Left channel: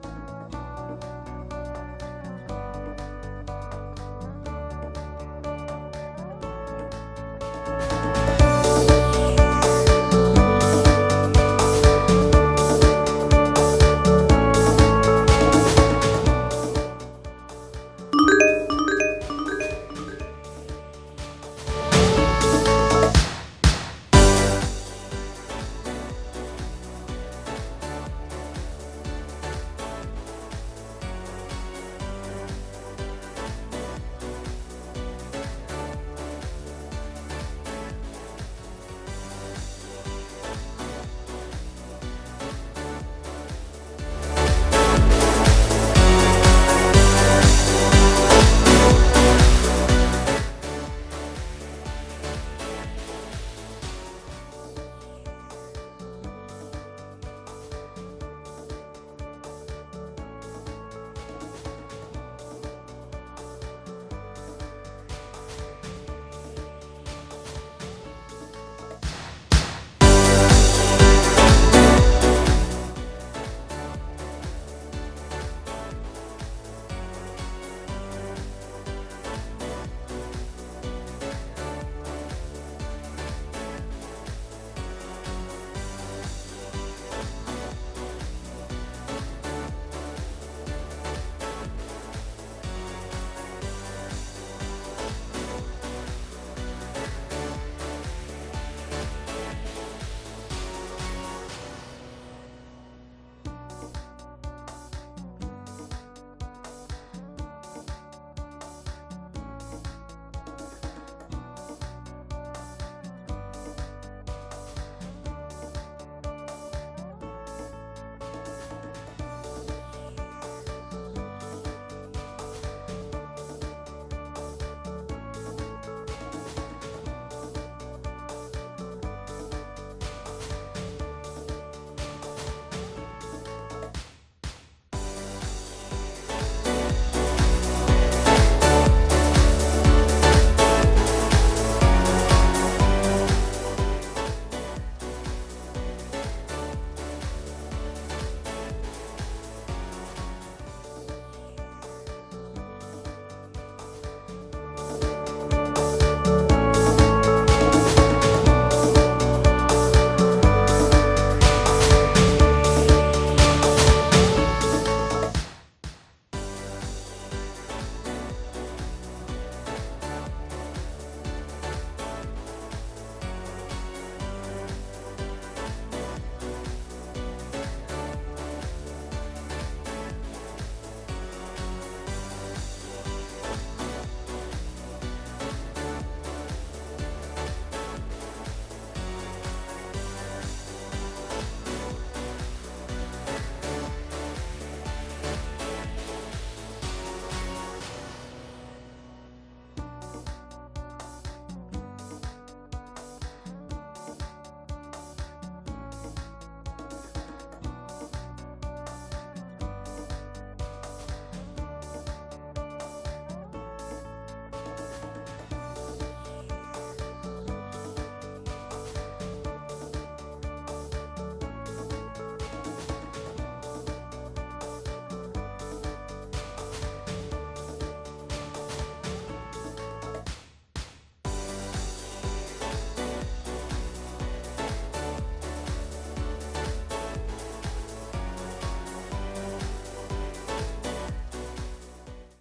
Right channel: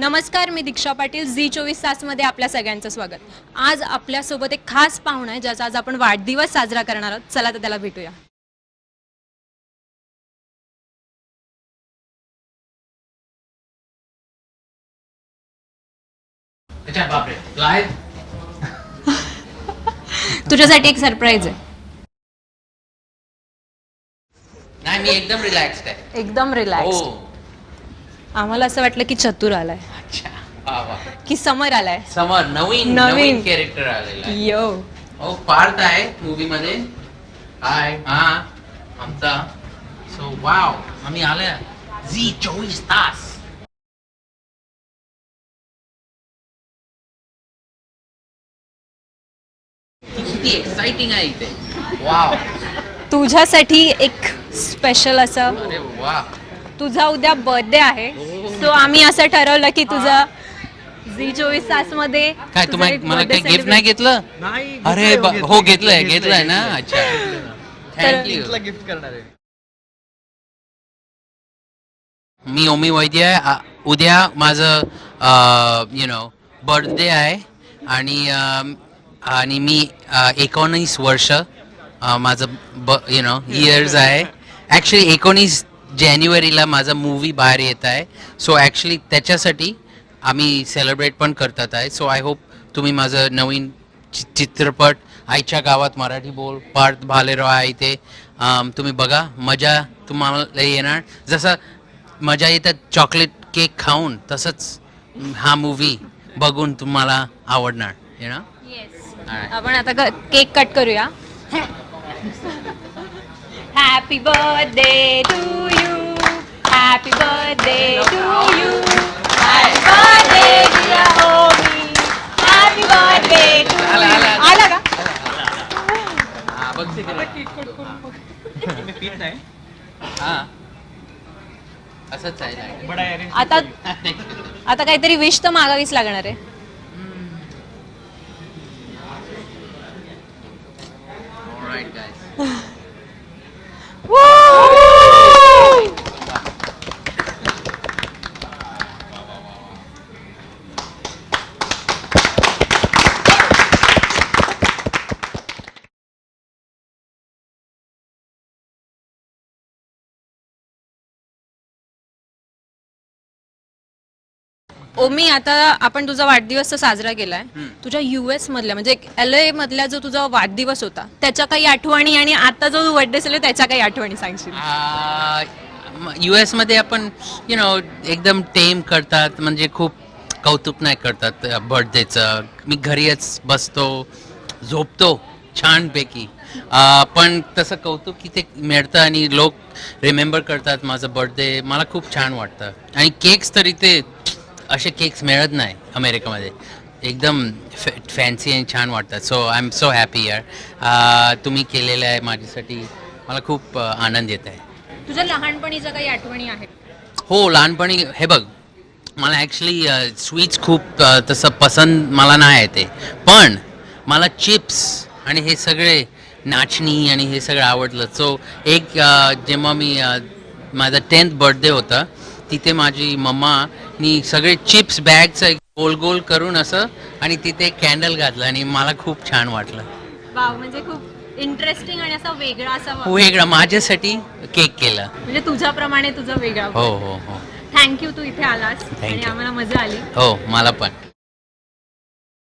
नमस्कार, मी दीक्षा पाटील. झी 24 तासमध्ये आपल्या सगळ्यांचं स्वागत. आज आपल्यासोबत एक खास पाहुणा आहे ज्याचा आज आपण वाढदिवस साजरा करणार आहोत. चला तर त्याला भेटूया. तुझ्यासाठी एक सरप्राईज आहे. नाही, मी एकदम रिलॅक्स्ड आहे. एकदम रिलॅक्स. आम्हाला असं वाटलं की चतुर आलाय, अच्छा, वा वा. की समर आलाय. समर नवीन कॅरेक्टर आलेला आहे. यो हो, पार्थ आहे मूवी मध्ये. हाय. हा, आमचा. सो वाव, आम्ही आलोय झी 24 तास. किती एक्साइटिंग आहे इथे. वाव. तुझ्यासाठी एक स्पेशल असं. अरे वा. तुझा उद्या बर्थडे आहे, सो आम्ही असं ठरवलं की तुझा झी 24 तास मध्ये काय तुम्ही मला काही गिफ्ट नाही घेतलं? अरे हो, घेतलंय ना. अच्छा, थँक्यू. गिफ्ट करणार आहे. मी ओमी वैद्य आहे. उद्या माझं बर्थडे आहे आणि मी 19 वर्ष माझं इयर्स आहे. ॲक्च्युली 19 जानेवारीला माझा मूवी बाहेर येत आहे. सो ॲक्च्युली त्याच्यासाठी आम्ही सेलिब्रेट पण करतात आहे. सो आय होप तुम्ही माझं नवीन चित्रपट आईच्या गावात मराठी बोल पार्थ भालेराव आहे इथे. तुम्ही बघा, मजा तुम्हाला येणार. जसं मजा येतात चॉकलेट केक खाऊन, तसंच हा मूवी बघून तुम्हाला आवडणार. आपण आता केक कट करूया. Happy birthday to you, happy birthday to you, happy birthday dear Omi, happy birthday to you. आला का? असंच आहे. आता काहीतरी विश तर मागावीच लागणार आहे. ओमी, आता आपण तुझा वाढदिवस तर साजरा केलाय. तुझ्या US मधल्या म्हणजे LA मधल्या जो तुझा वाढदिवस होता त्याच्या काही आठवणी आणि आता जो बर्थडे असेल त्याच्या काही आठवणी सांगशील? US मध्ये आपण एकदम टेम करतात, म्हणजे खूप कौतुक नाही करतात बर्थडेचं. मी घरीच बसतो, झोपतो छानपैकी. पण तसं कौतुक किती मिळतं आणि लोक रिमेंबर करतात माझं बर्थडे. मला खूप छान वाटतं. आणि केक्स तर इथे असे केक्स मिळत नाही अमेरिकेमध्ये. एकदम फॅन्सी आणि छान वाटतात. So I am so happy यार. तुम्ही केलेलं आहे माझ्यासाठी, मला खूप आनंद येत आहे. तुझ्या लहानपणीच्या काही आठवणी आहेत? हो, लहानपणी हे बघ, मला ॲक्च्युली स्वीट्स खूप तसं पसंत मला नाही येते. पण मला चिप्स आणि हे सगळे नाचणी आणि हे सगळं आवडलं. सो एक जेव्हा मी माझा 10th बर्थडे होता, तिथे माझी मम्मानी सगळे चिप्स बॅगचं गोल गोल करून असं आणि तिथे कॅन्डल घातलं आणि मला खूप छान वाटलं. वाव, म्हणजे खूप इंटरेस्टिंग आणि असा वेगळा असा वेगळा माझ्यासाठी केक केला. म्हणजे तुझ्याप्रमाणे तुझा वेगळा. हो हो हो. थँक्यू, तू इथे आलास आणि आम्हाला मजा आली. हो, मला पण.